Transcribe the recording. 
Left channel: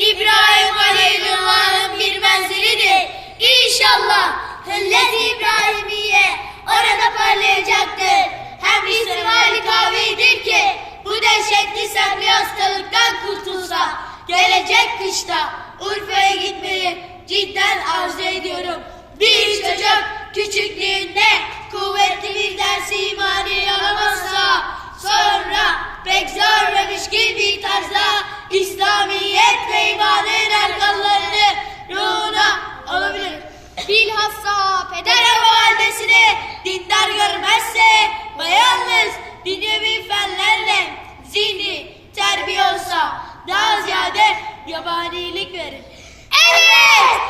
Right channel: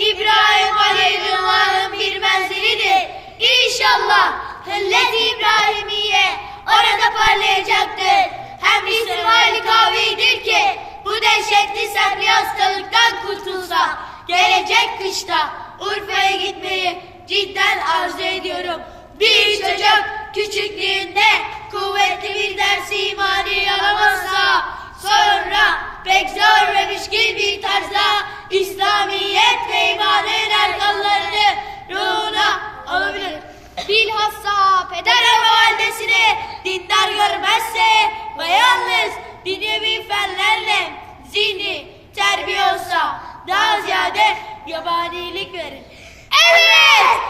İbrahim Halilullah'ın bir menzilidir. İnşallah Hıllet İbrahimiye orada parlayacaktır. Hem İsrail kavidir ki bu dehşetli semli hastalıktan kurtulsa gelecek kışta Urfa'ya gitmeyi cidden arzu ediyorum. Bir çocuk küçüklüğünde kuvvetli bir Bilhassa peder ve validesini dindar görmezse ve yalnız dünyevi fenlerle zihni terbiye olsa daha ziyade yabanilik verir. Evet!